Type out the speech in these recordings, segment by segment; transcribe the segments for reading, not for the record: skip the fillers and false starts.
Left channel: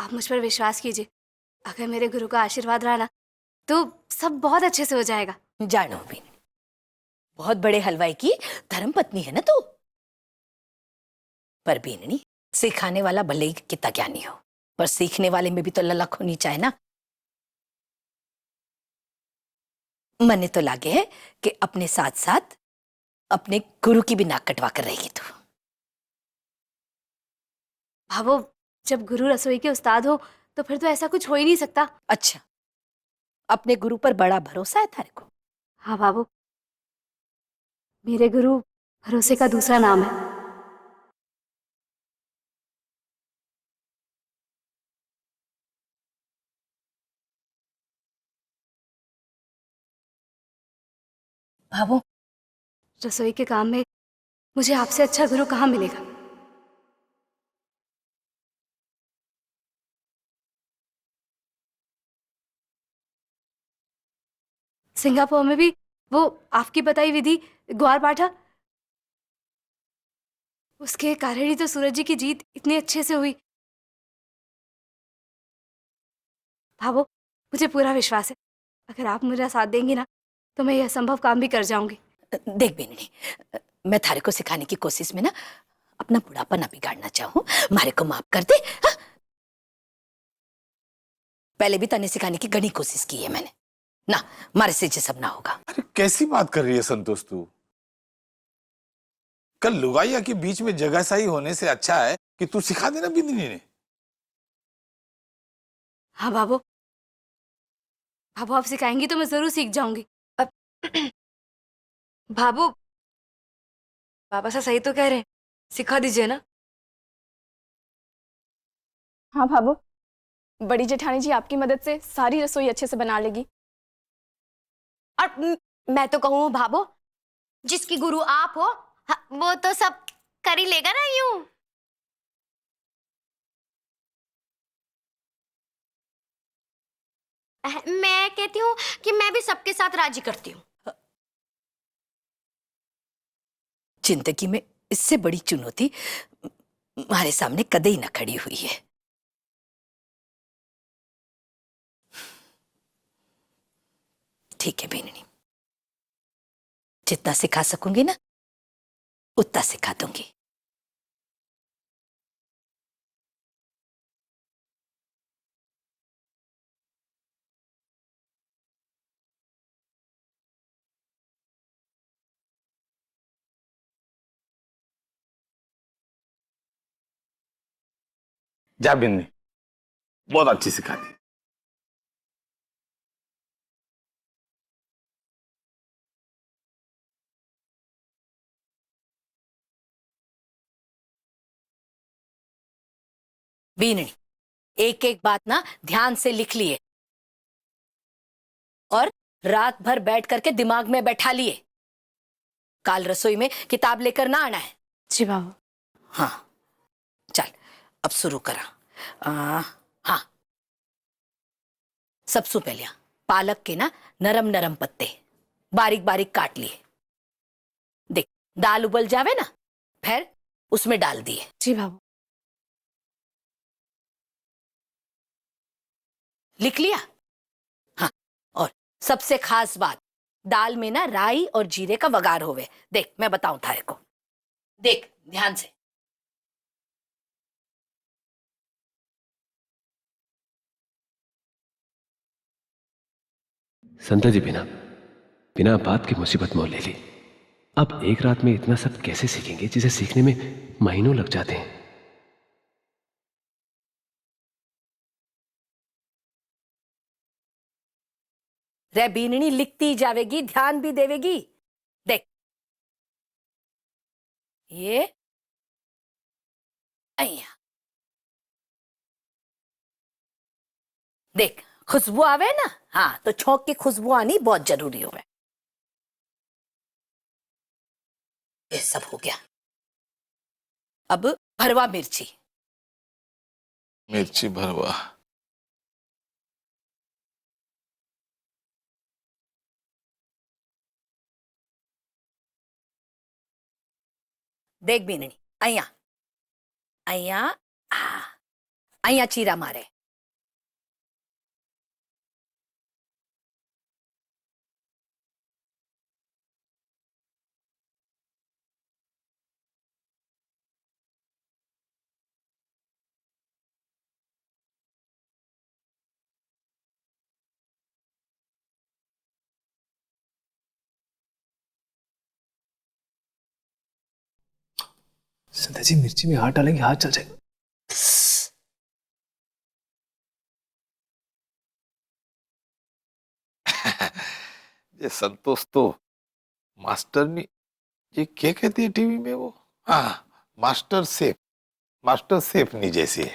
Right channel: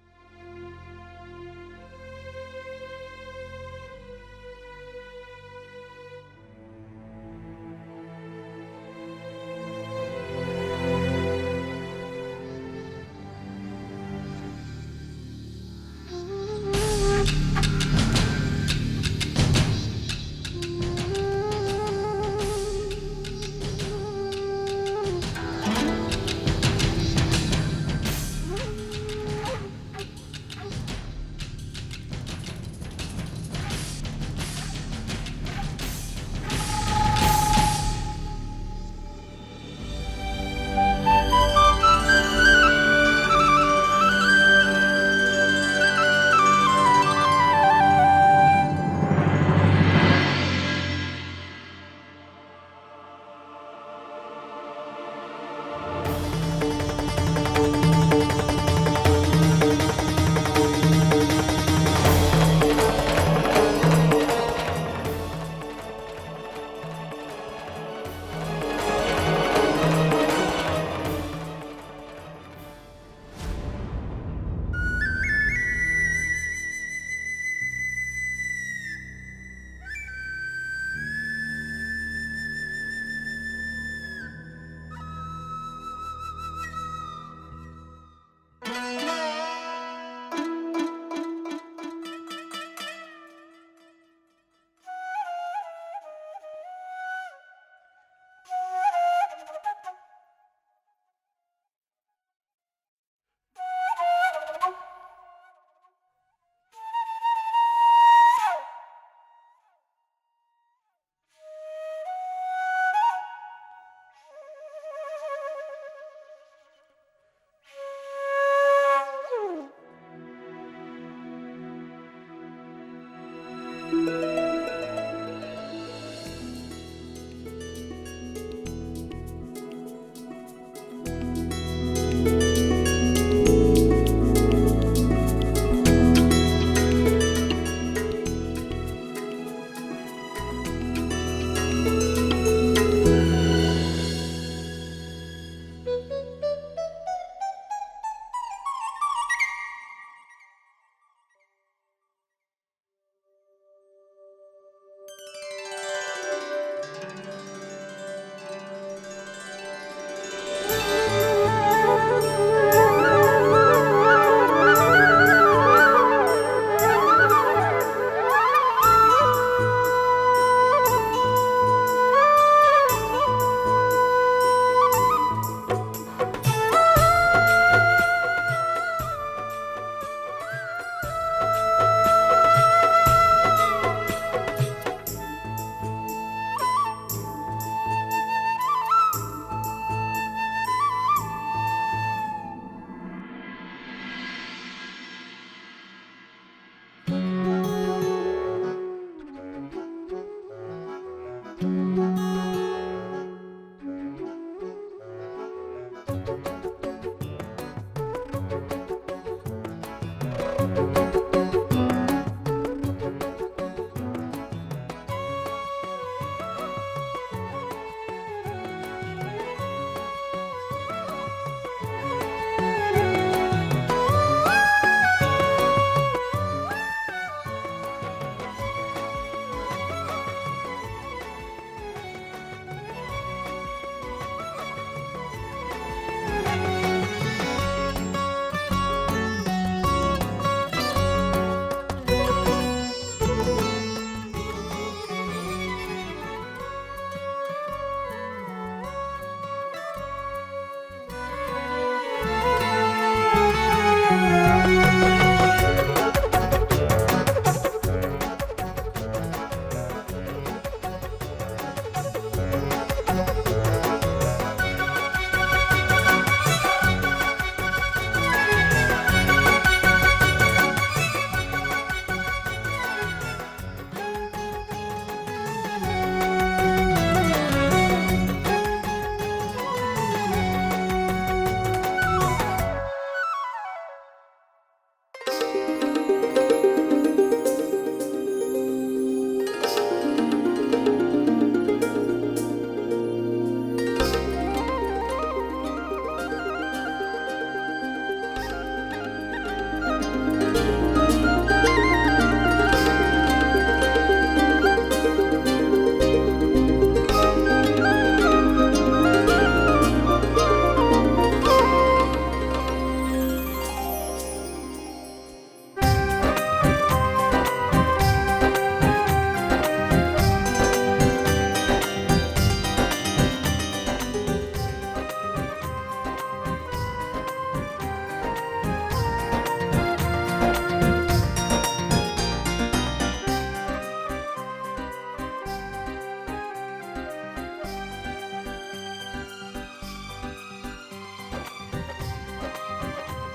आप मुझ पर विश्वास कीजिए, अगर मेरे गुरु का आशीर्वाद रहा ना तो सब बहुत अच्छे से हो जाएगा। जानो भी, बहुत बड़े हलवाई की धर्मपत्नी है ना तू। पर बीननी, सिखाने वाला भले ही कितना ज्ञानी हो, पर सीखने वाले में भी तो ललक होनी चाहिए ना। मने तो लागे है कि अपने साथ साथ अपने गुरु की भी नाक कटवा कर रहेगी तू। हाँ, वो जब गुरु रसोई के उस्ताद हो तो फिर तो ऐसा कुछ हो ही नहीं सकता। अच्छा, अपने गुरु पर बड़ा भरोसा है थारे को? हाँ बाबू, मेरे गुरु भरोसे का दूसरा नाम है। बाबू, रसोई के काम में मुझे आपसे अच्छा गुरु कहाँ मिलेगा। सिंगापुर में भी वो आपकी बताई विधि ग्वार बाटा, उसके कारण ही तो सूरज जी की जीत इतनी अच्छे से हुई। भावो, मुझे पूरा विश्वास है, अगर आप मेरा साथ देंगी ना तो मैं यह असंभव काम भी कर जाऊंगी। देख बीननी, मैं थारे को सिखाने की कोशिश में ना अपना बुढ़ापा ना बिगाड़ना चाहूँ, मारे को माफ कर दे। हाँ? पहले भी तने सिखाने की घनी कोशिश की है मैंने ना, मारे से ये सब ना होगा। अरे कैसी बात कर रही है संतोष तू? कल लुगाइया के बीच में जगह सही होने से अच्छा है कि तू सिखा देना बिंदनी ने। हाँ बाबू, आप सिखाएंगी तो मैं जरूर सीख जाऊंगी। अब बाबू, बाबा सा सही तो कह रहे हैं, सिखा दीजिए ना। हाँ भाभो, बड़ी जेठानी जी आपकी मदद से सारी रसोई अच्छे से बना लेगी। और मैं तो कहूँ भाभो, जिसकी गुरु आप हो, वो तो सब कर ही लेगा ना यूं। मैं कहती हूँ कि मैं भी सबके साथ राजी करती हूँ। जिंदगी में इससे बड़ी चुनौती हमारे सामने कदे ही न खड़ी हुई है। ठीक है बीननी, जितना सिखा सकूंगी ना उतना सिखा दूंगी। जा बिंदनी, बहुत अच्छी सिखाती है। बीननी, एक एक बात ना ध्यान से लिख लिए और रात भर बैठ करके दिमाग में बैठा लिए। काल रसोई में किताब लेकर ना आना है। जी बाबू। हाँ चल, अब शुरू करा। हाँ, सबसे पहले पालक के ना नरम नरम पत्ते बारीक बारीक काट लिए। देख, दाल उबल जावे ना, फिर उसमें डाल दिए। जी बाबू। लिख लिया? हाँ, और सबसे खास बात, दाल में ना राई और जीरे का वगार होवे। देख, मैं बताऊं थारे को, देख ध्यान से। संता जी, बिना बिना बात की मुसीबत मोल ले ली। अब एक रात में इतना सब कैसे सीखेंगे जिसे सीखने में महीनों लग जाते हैं। रे बीननी, लिखती जावेगी, ध्यान भी देवेगी। देख, ये देख, खुशबू आवे ना, हाँ, तो छोंक की खुशबू आनी बहुत जरूरी है। ये सब हो गया। अब भरवा मिर्ची। मिर्ची भरवा। देख बीननी, अया अया અહીંયા ચીરા મારે. संध्या जी मिर्ची में हाथ डालेंगे हाथ चल जाएगा. ये संतोष तो मास्टर ने ये क्या कहती है टीवी में वो, हाँ, मास्टर सेफ नहीं जैसी है.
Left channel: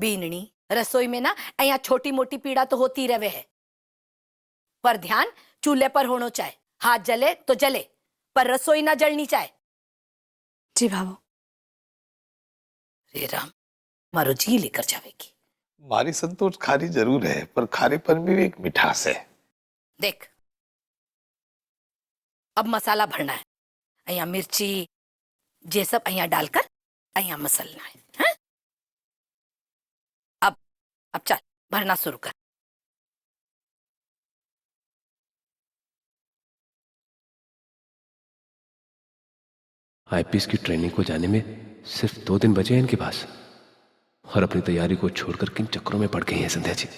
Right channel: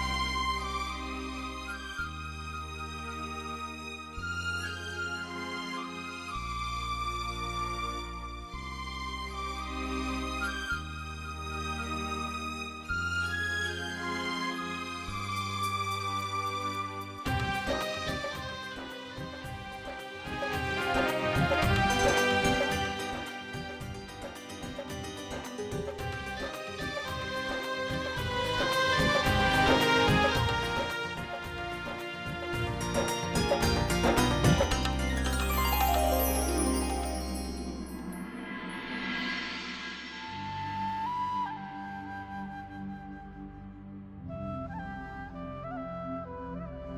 बीननी रसोई में ना અહીંયા छोटी मोटी पीड़ा तो होती रहे है, पर ध्यान चूल्हे पर होना चाहिए. हाथ जले तो जले, पर रसोई ना जलनी चाहिए. जी भाभो. हे राम, मारो जी लेकर जाएगी. हमारी संतोष खारी जरूर है, पर खारेपन में भी एक मिठास है. देख, अब मसाला भरना है. અહીંયા मिर्ची ये सब અહીંયા डालकर અહીંયા मसलना है. हाँ? अब चल भरना शुरू कर. आईपीएस की ट्रेनिंग को जाने में सिर्फ 2 दिन बचे हैं इनके पास, और अपनी तैयारी को छोड़कर किन चक्करों में पड़ गई हैं संध्या जी.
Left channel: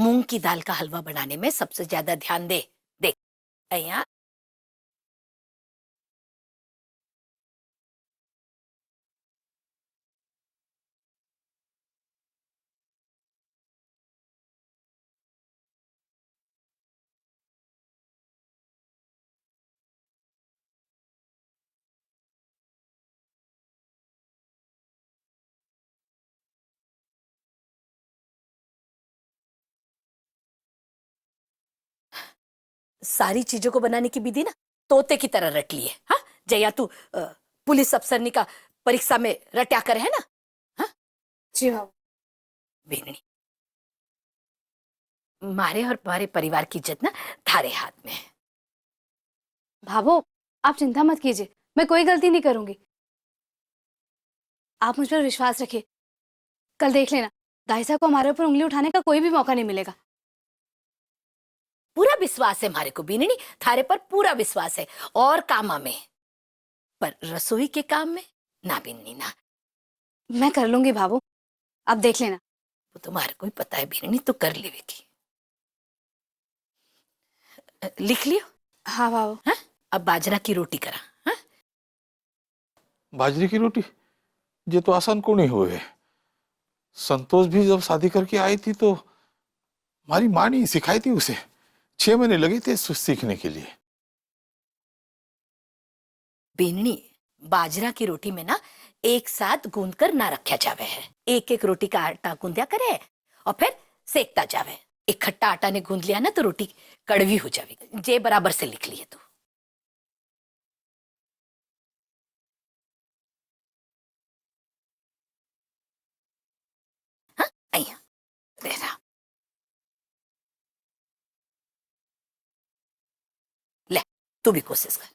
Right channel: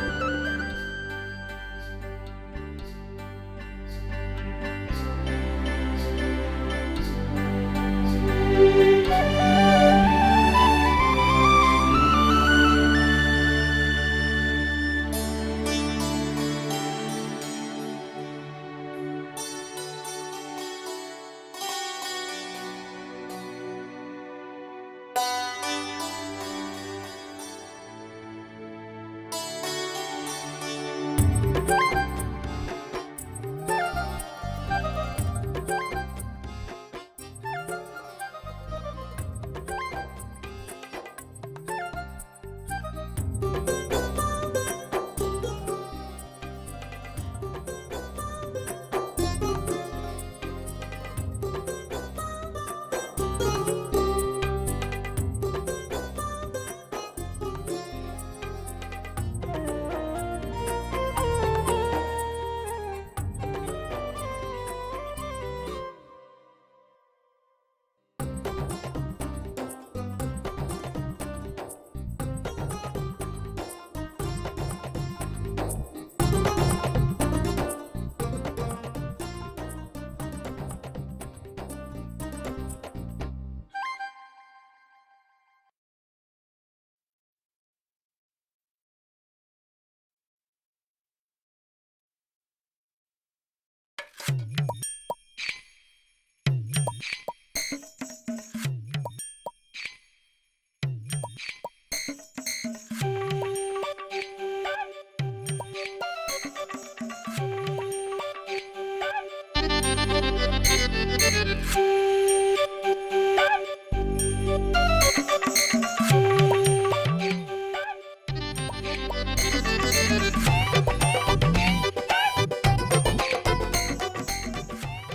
मूंग की दाल का हलवा बनाने में सबसे ज्यादा ध्यान दे. देख અહીંયા सारी चीजों को बनाने की विधि ना तोते की तरह रट ली है. हाँ, जया तू पुलिस अफसरनी का परीक्षा में रट्या कर है ना. हाँ? जी भाभो. बेननी, मारे और मारे परिवार की इज्जत ना थारे हाथ में है. भाभो, आप चिंता मत कीजिए, मैं कोई गलती नहीं करूंगी. आप मुझ पर विश्वास रखिए. कल देख लेना, दाई साहब को हमारे ऊपर उंगली उठाने का कोई भी मौका नहीं मिलेगा. पूरा विश्वास है हमारे को बीननी, थारे पर पूरा विश्वास है. और काम में, पर रसोई के काम में ना बीननी ना. मैं कर लूंगी भाभो, आप देख लेना. तुम्हारे को भी पता है बीननी, तो कर लेगी. लिख लियो. हाँ भाभो. हाँ? अब बाजरा की रोटी करा. हाँ? बाजरे की रोटी ये तो आसान को नहीं हुए. संतोष भी जब शादी करके आई थी तो हमारी माँ ने सिखाई थी उसे. 6 महीने लगे थे सीखने के लिए. बीननी, बाजरा की रोटी में ना एक साथ गूंद कर ना रखा जावे है. एक एक रोटी का आटा गूंदा करे और फिर सेकता जावे. इकट्ठा आटा ने गूंद लिया ना तो रोटी कड़वी हो जाए. जे बराबर से लिख लिया. हाँ, आइए. बेरा. ले, तू भी कोशिश कर.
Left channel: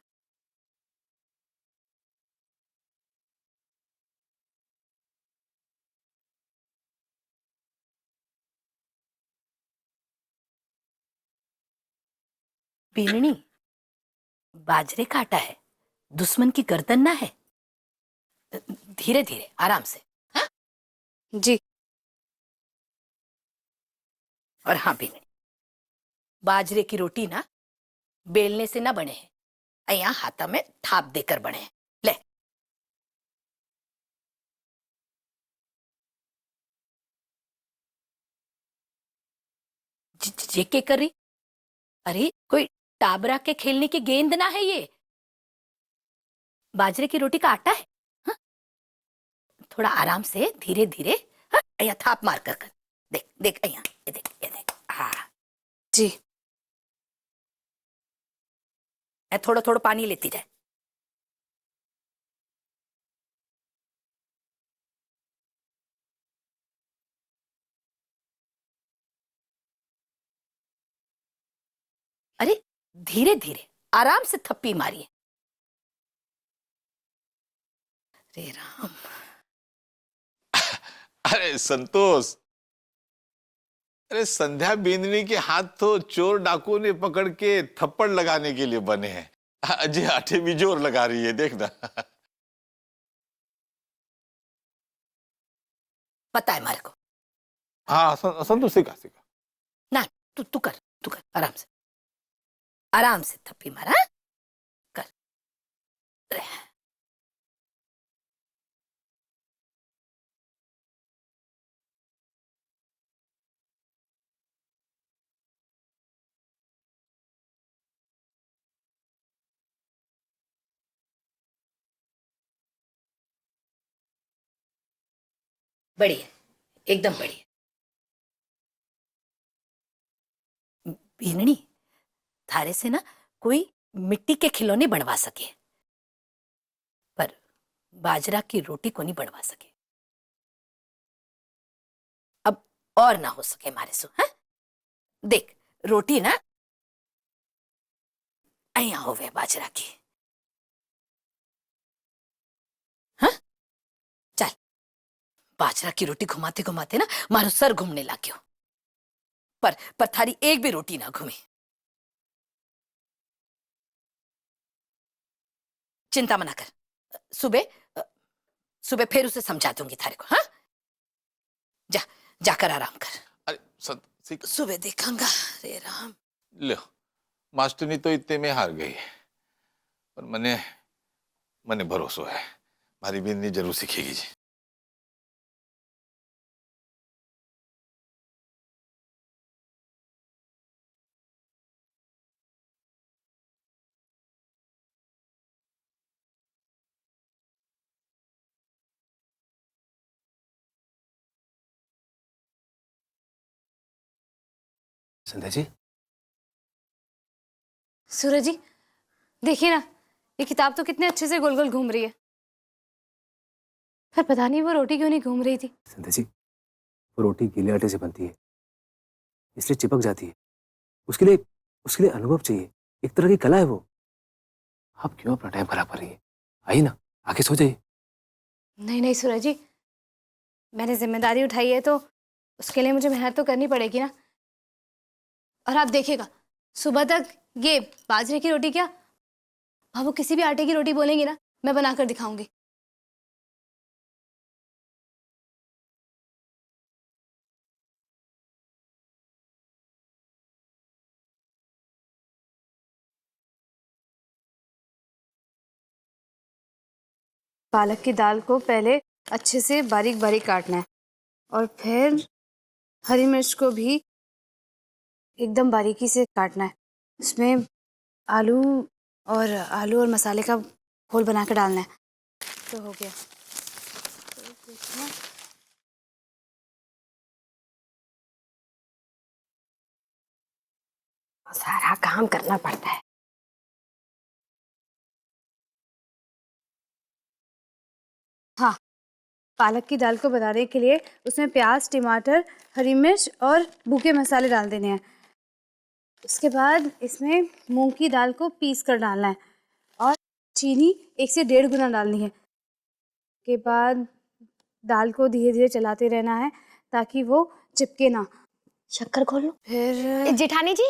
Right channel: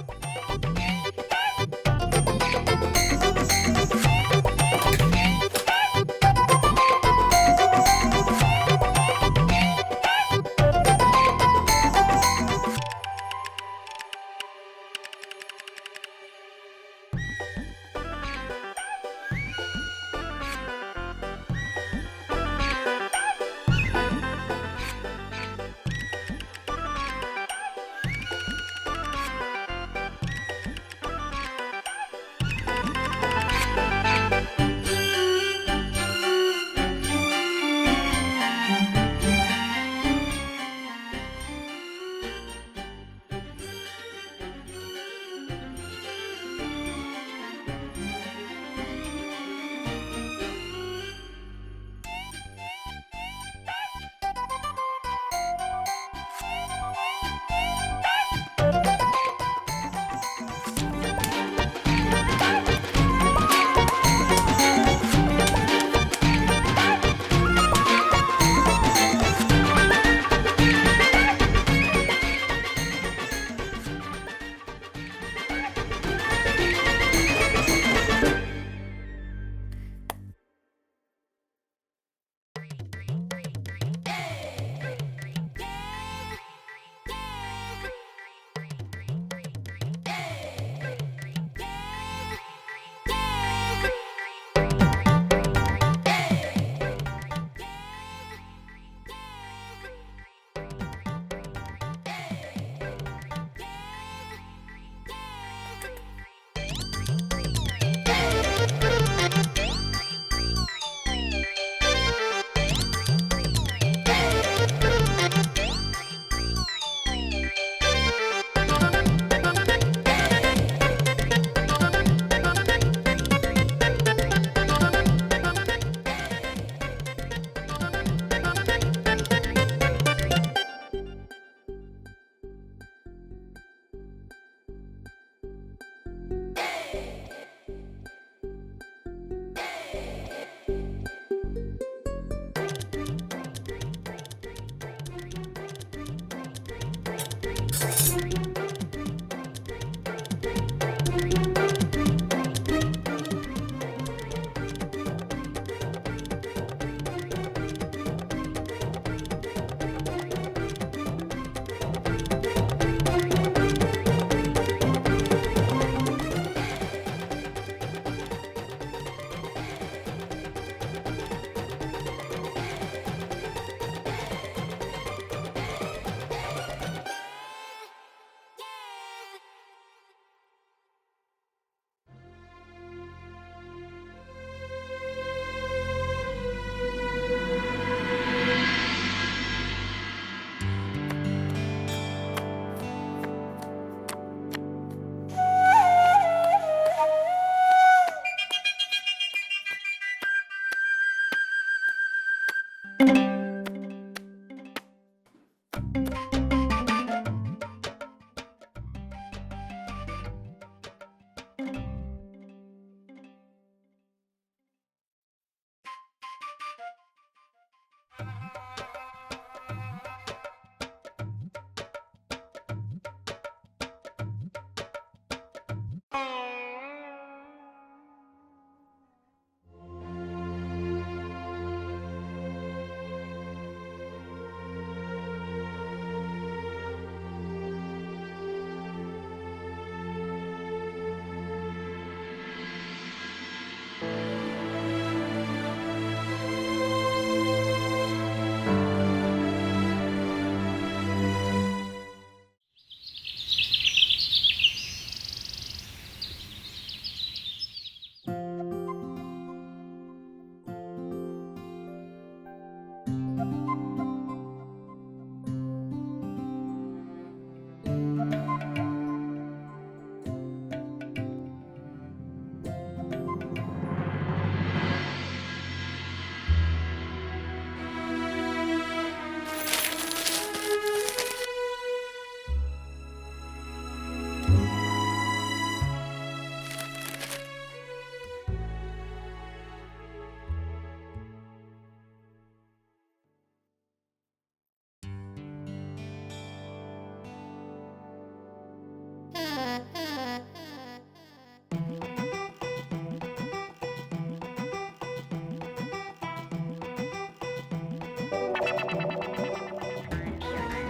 बीननी, बाजरे का आटा है, दुश्मन की गर्दन ना है. धीरे धीरे आराम से. हाँ? जी. और हाँ भी, बाजरे की रोटी ना बेलने से ना बने, અહીંયા हाथा में थाप देकर बने. ले. ये क्या कर रही? अरे कोई टाबरा के खेलने की गेंद ना है ये, बाजरे की रोटी का आटा है. हाँ? थोड़ा आराम से धीरे धीरे. हाँ? અહીંયા थाप मार कर. देख देख અહીંયા, ये देख. हाँ. जी. थोड़ा थोड़ा पानी लेती जाए। अरे धीरे धीरे आराम से थप्पी मारिए। अरे संतोष, अरे संध्या बेंदनी के हाथ तो चोर डाकुओं ने पकड़ के थप्पड़ लगाने के लिए बने हैं। अजय आटे भी जोर लगा रही है, देखना। पता है मारे हाँ संतोष सिखा। ना, तू कर आराम से थप्पी मार। हाँ? कर। बड़ी, एकदम बड़ी। बीननी, थारे से ना कोई मिट्टी के खिलौने बनवा सके, पर बाजरा की रोटी को नहीं बनवा सके। अब और ना हो सके हमारे से। हाँ? देख रोटी ना अया होवे बाजरा की। हाँ? चल, बाजरा की रोटी घुमाते घुमाते ना मारो सर घूमने लग गया, पर थारी एक भी रोटी ना घूमे। चिंता मना कर, सुबह फिर उसे समझा दूंगी थारे को। हाँ? जाकर आराम कर। अरे संतोष, सुबह देखूंगा। ले, मास्टरनी तो इतने में हार गई, पर मने भरोसा है हमारी बेंदनी जरूर सीखेगी जी। संध्या जी, सूरज जी देखिए ना, ये किताब तो कितने अच्छे से गोल गोल घूम रही है, पर पता नहीं वो रोटी क्यों नहीं घूम रही थी। संध्या जी, वो रोटी गीले आटे से बनती है, इसलिए चिपक जाती है। उसके लिए अनुभव चाहिए, एक तरह की कला है वो। आप क्यों अपना टाइम खराब कर रही है? आइए ना, आके सो जाइए। नहीं सूरज जी, मैंने जिम्मेदारी उठाई है तो उसके लिए मुझे मेहनत तो करनी पड़ेगी ना। और आप देखिएगा, सुबह तक ये बाजरे की रोटी क्या, अब वो किसी भी आटे की रोटी बोलेंगे ना, मैं बनाकर दिखाऊंगी। पालक की दाल को पहले अच्छे से बारीक बारीक काटना है, और फिर हरी मिर्च को भी एकदम बारीकी से काटना है। उसमें आलू और मसाले का घोल बना कर डालना है। तो हो गया। सारा काम करना पड़ता है। हाँ, पालक की दाल को बनाने के लिए उसमें प्याज, टमाटर, हरी मिर्च और भूखे मसाले डाल देने हैं। उसके बाद इसमें मूंग की दाल को पीस कर डालना है और चीनी 1 से 1.5 गुना डालनी है। उसके बाद दाल को धीरे धीरे चलाते रहना है ताकि वो चिपके ना। शक्कर खोलो। फिर जेठानी जी,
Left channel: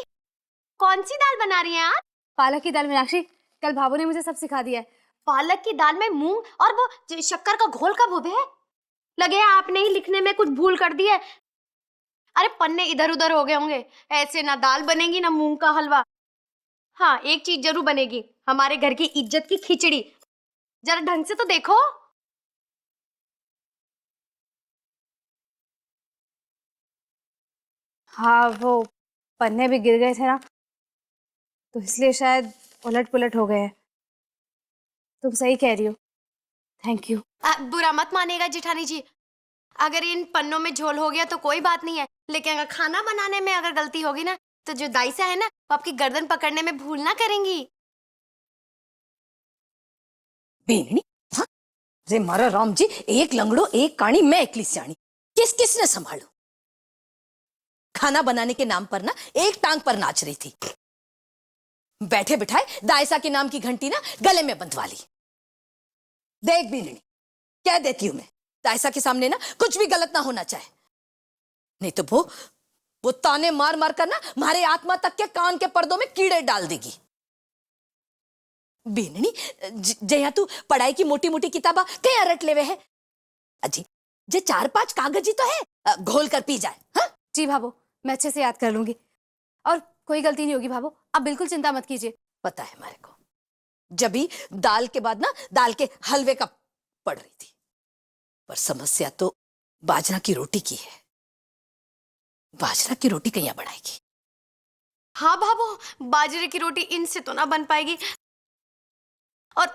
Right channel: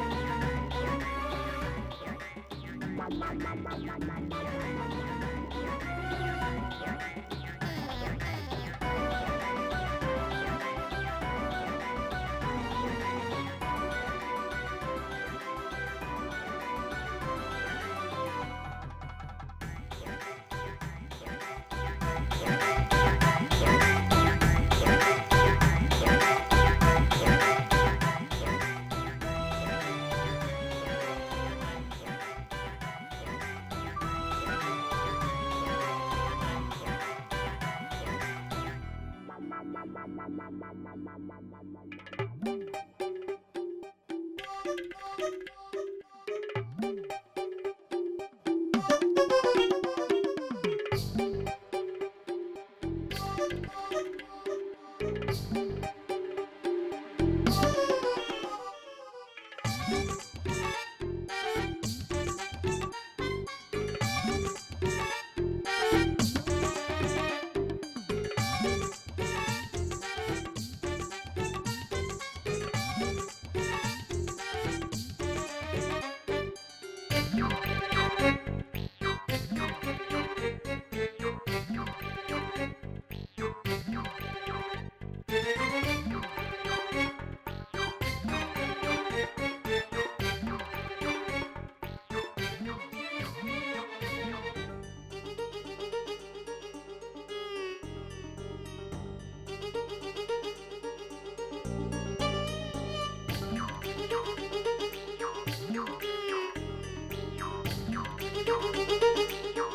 कौन सी दाल बना रही हैं आप? पालक की दाल। मीनाक्षी, कल भाभू ने मुझे सब सिखा दिया है। पालक की दाल में मूंग और वो शक्कर का घोल कब उभे? लगे आपने ही लिखने में कुछ भूल कर दी है। अरे पन्ने इधर उधर हो गए होंगे। ऐसे ना दाल बनेगी ना मूंग का हलवा। हाँ, एक चीज जरूर बनेगी, हमारे घर की इज्जत की खिचड़ी। जरा ढंग से तो देखो। हाँ, वो पन्ने भी गिर गए थे ना, इसलिए शायद उलट पुलट हो गए हैं। तुम सही कह रही हो। Thank you. बुरा मत मानेगा जेठानी जी, अगर इन पन्नों में झोल हो गया तो कोई बात नहीं है, लेकिन अगर खाना बनाने में अगर गलती होगी ना, तो जो दाई सा है ना, वो आपकी गर्दन पकड़ने में भूल ना करेंगी। बेनी हाँ? रे मारा राम जी, एक लंगड़ो एक काणी, मैं एकली सियाणी, किसने संभाला? खाना बनाने के नाम पर ना एक टांग पर नाच रही थी, बैठे बिठाए दायसा के नाम की घंटी ना गले में बंधवा ली। देख भी कह देती हूँ, दायसा के सामने ना कुछ भी गलत ना होना चाहिए, नहीं तो वो ताने मार मार कर ना हमारे आत्मा तक के कान के पर्दों में कीड़े डाल देगी। बेनी जया तू पढ़ाई की मोटी मोटी किताबा क्या रट लेवे है? अजी जे 4-5 कागज ही तो है, घोल कर पी जा। हा? जी भाभो, मैं अच्छे से याद कर लूंगी और कोई गलती नहीं होगी भाभो, आप बिल्कुल चिंता मत कीजिए। पता है हमारे, जब भी दाल के बाद ना दाल के हलवे का पड़ रही थी, पर समस्या तो बाजरा की रोटी की है। बाजरा की रोटी कैया बनाएगी? हाँ भाभो, बाजरे की रोटी इनसे तो ना बन पाएगी, और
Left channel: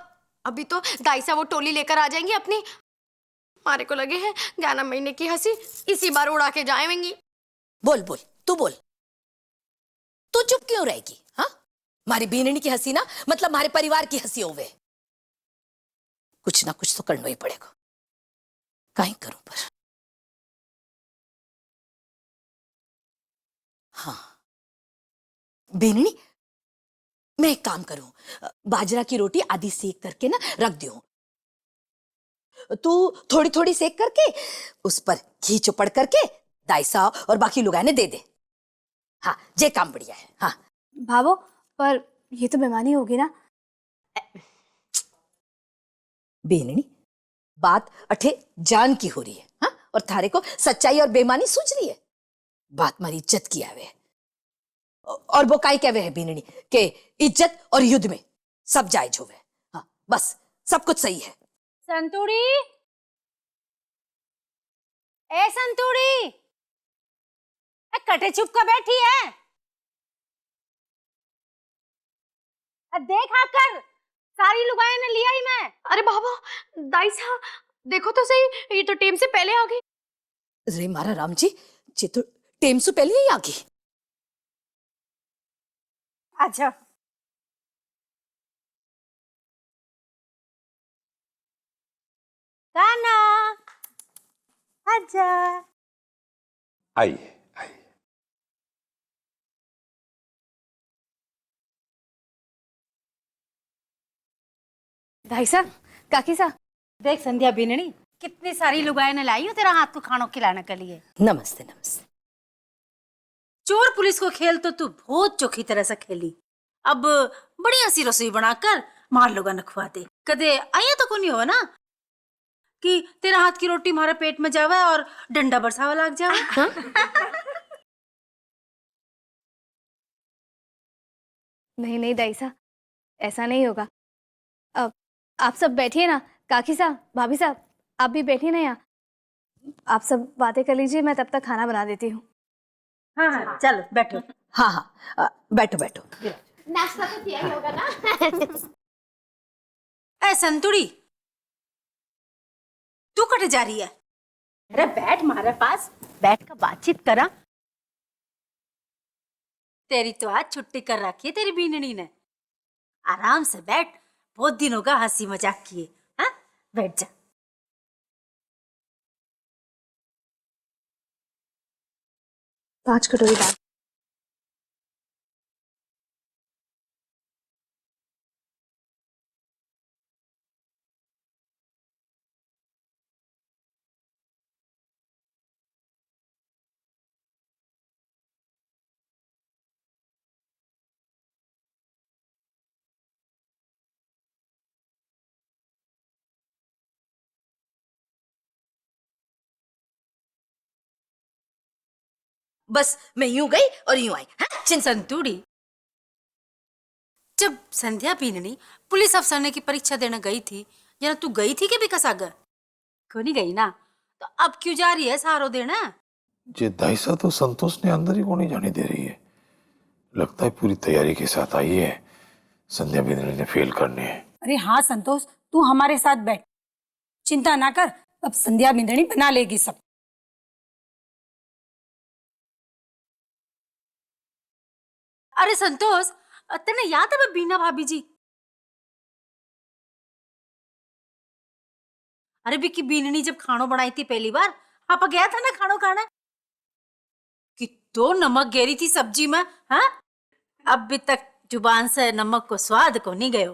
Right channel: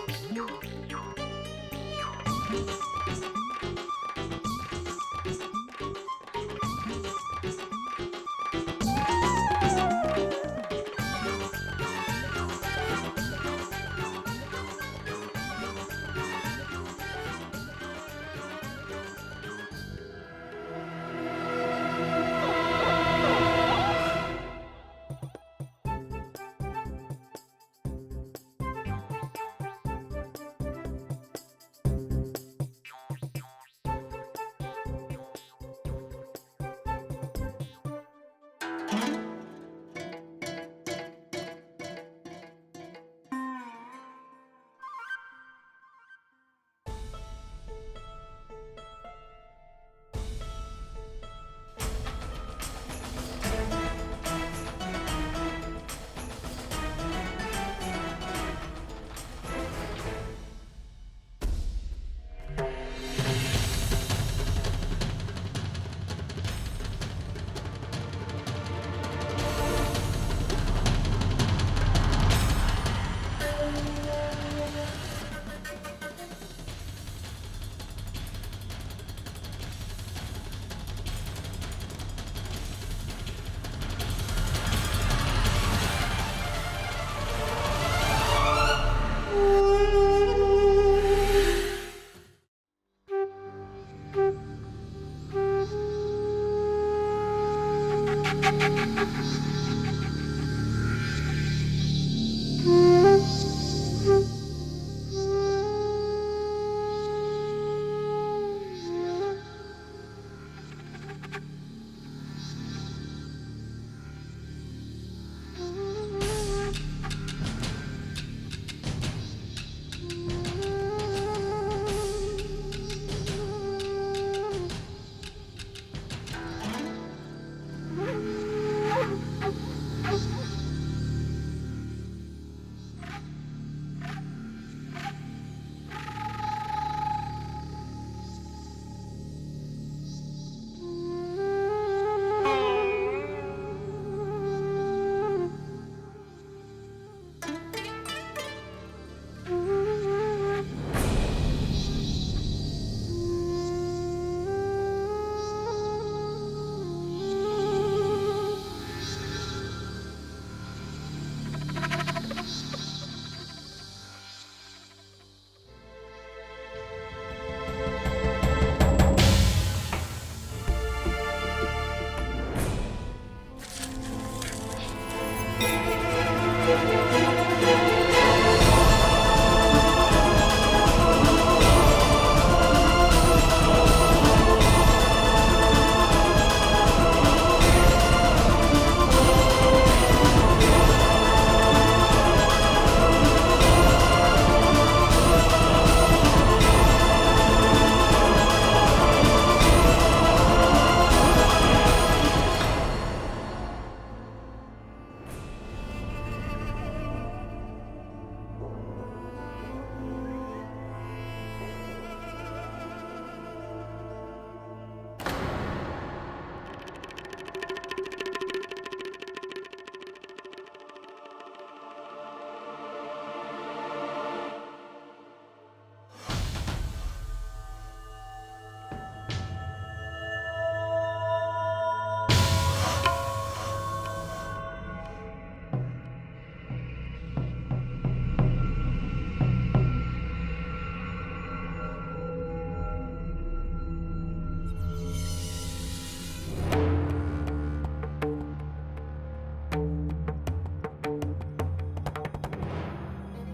अभी तो दाइसा वो टोली लेकर आ जाएंगे अपनी। हमारे को लगे हैं 11 महीने की हंसी इसी बार उड़ा के जाएंगी। बोल बोल तू बोल, तू चुप क्यों रहेगी? हाँ, हमारी बीननी की हंसी ना मतलब हमारे परिवार की हंसी हो गई। कुछ ना कुछ तो करना ही पड़ेगा, कहीं करूं पर। बीननी, मैं एक काम करूं, बाजरा की रोटी आधी सेक करके ना रख दियो, तू थोड़ी थोड़ी सेक करके उस पर घी चुपड़ करके दाइसा और बाकी लोग ने दे दे। हाँ, जे काम बढ़िया है। हाँ भाभो, पर ये तो बेईमानी होगी ना। बेननी, बात अठे जान की हो रही है, हाँ? और थारे को सच्चाई और बेईमानी सूझ रही है। बात हमारी इज्जत की है, और वो काई कहवे है बेननी के इज्जत और युद्ध में सब जायज हो गए, बस सब कुछ सही है। संतूड़ी, ए संतूड़ी, कटे चुप कर बैठी है। देख आकर सारी लुगाई ने लिया ही मैं। अरे बाबा, दाइसा देखो तो सही, ये तो टेम से पहले आ गई। अरे मारा राम जी, ये तो टेम से पहले ही आ गई। अच्छा, काना, आजा। आई भाई साहब, काकी साहब, देख संध्या बीननी, कितनी सारी लुगाई ने लाई हो तेरा हाथ को खानों खिलाने के लिए। नमस्ते नमस्ते। चोर पुलिस को खेल तो तू बहुत चोखी तरह से खेली। अब बढ़िया सी रसोई बनाकर मार लोगा न खवा दे। कदे आया तो कोई हो ना कि तेरा हाथ की रोटी हमारे पेट में जावे और डंडा बरसावा लग जावे। हाँ? नहीं नहीं दाइसा, ऐसा नहीं होगा। अब आप सब बैठिए ना, काकी साहब, भाभी साहब, आप भी बैठिए ना यहाँ। आप सब बातें कर लीजिए, मैं तब तक खाना बना देती हूँ। हाँ हाँ, चलो बैठो। हाँ हाँ, बैठो बैठो। नाश्ता तो किया ही होगा ना। ए संतुड़ी, तू कटे जा रही है? अरे बैठ हमारे पास, बैठ कर बातचीत करा। तेरी तो आज छुट्टी कर रखी है तेरी बीननी ने। आराम से बैठ, बहुत दिनों का हंसी मजाक किए। हाँ, बैठ जा। पांच कटोरी दाल। बस मैं यूं गई और यूं आई। हाँ? संतुड़ी, जब संध्या बीननी पुलिस अफसर की परीक्षा देने गई थी, या तू गई थी कि बिकसागर? क्यों नहीं गई ना? तो अब क्यों जा रही है सारो देना? ये दाइसा तो संतोष ने अंदर ही नहीं जाने दे रही है। लगता है पूरी तैयारी के साथ आई है, संध्या बिंद्र ने फेल करने है। अरे हाँ संतोष, तू हमारे साथ बैठ, चिंता ना कर, अब संध्या बिंदनी बना लेगी सब। अरे संतोष, तेने याद है बीना भाभी जी? अरे विक्की बीननी जब खानो बनाई थी पहली बार, पापा गया था ना खानो खाने, कि तो नमक गेरी थी सब्जी में। हाँ, अब भी तक जुबान से नमक को स्वाद को नहीं गयो।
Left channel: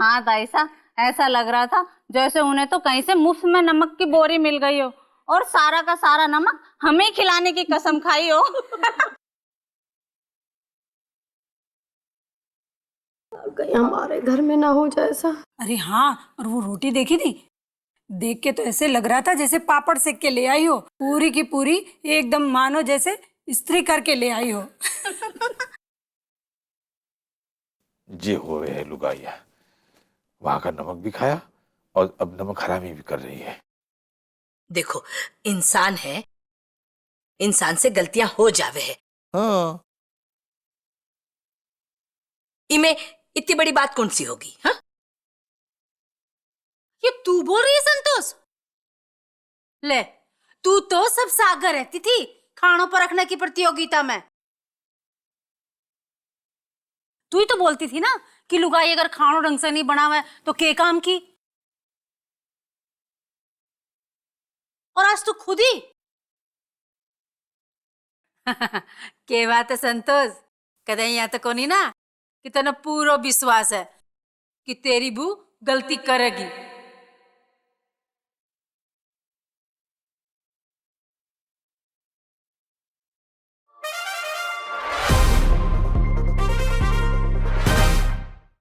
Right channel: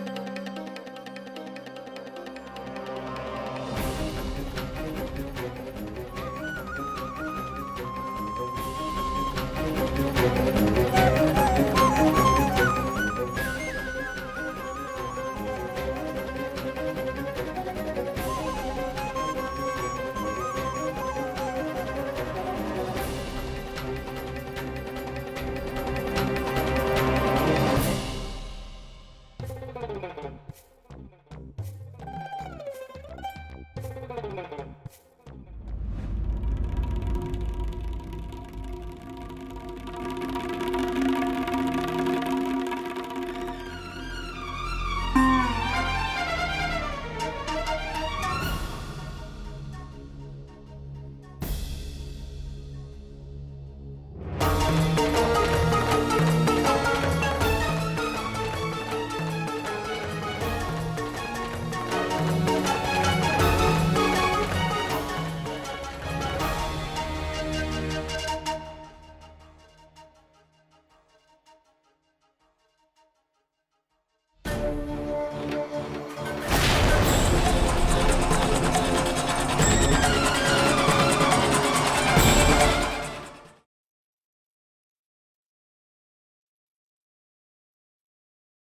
हाँ ताई साहब, ऐसा लग रहा था जैसे उन्हें तो कहीं से मुफ्त में नमक की बोरी मिल गई हो और सारा का सारा नमक हमें खिलाने की कसम खाई हो। हमारे घर में ना हो जाए ऐसा। अरे हाँ, और वो रोटी देखी थी, देख के तो ऐसे लग रहा था जैसे पापड़ सेक के ले आई हो, पूरी की पूरी एकदम मानो जैसे इस्त्री करके ले आई हो। ये हो रहे है लुगाइया, वहां का नमक भी खाया और अब नमक हरामी भी कर रही है। देखो, इंसान है, इंसान से गलतियां हो जावे है। हाँ। इमे इतनी बड़ी बात कौन सी होगी? हाँ? ये तू बोल रही है संतोष? ले, तू तो सब सागर रहती थी खानों पर रखने की प्रतियोगिता में। तू ही तो बोलती थी ना कि लुगाई अगर खानो ढंग से नहीं बनावे तो के काम की। और आज तू खुद ही के बात है संतोष, कदे यहाँ तो कोनी ना कि तेना पूरा विश्वास है कि तेरी बू गलती करेगी।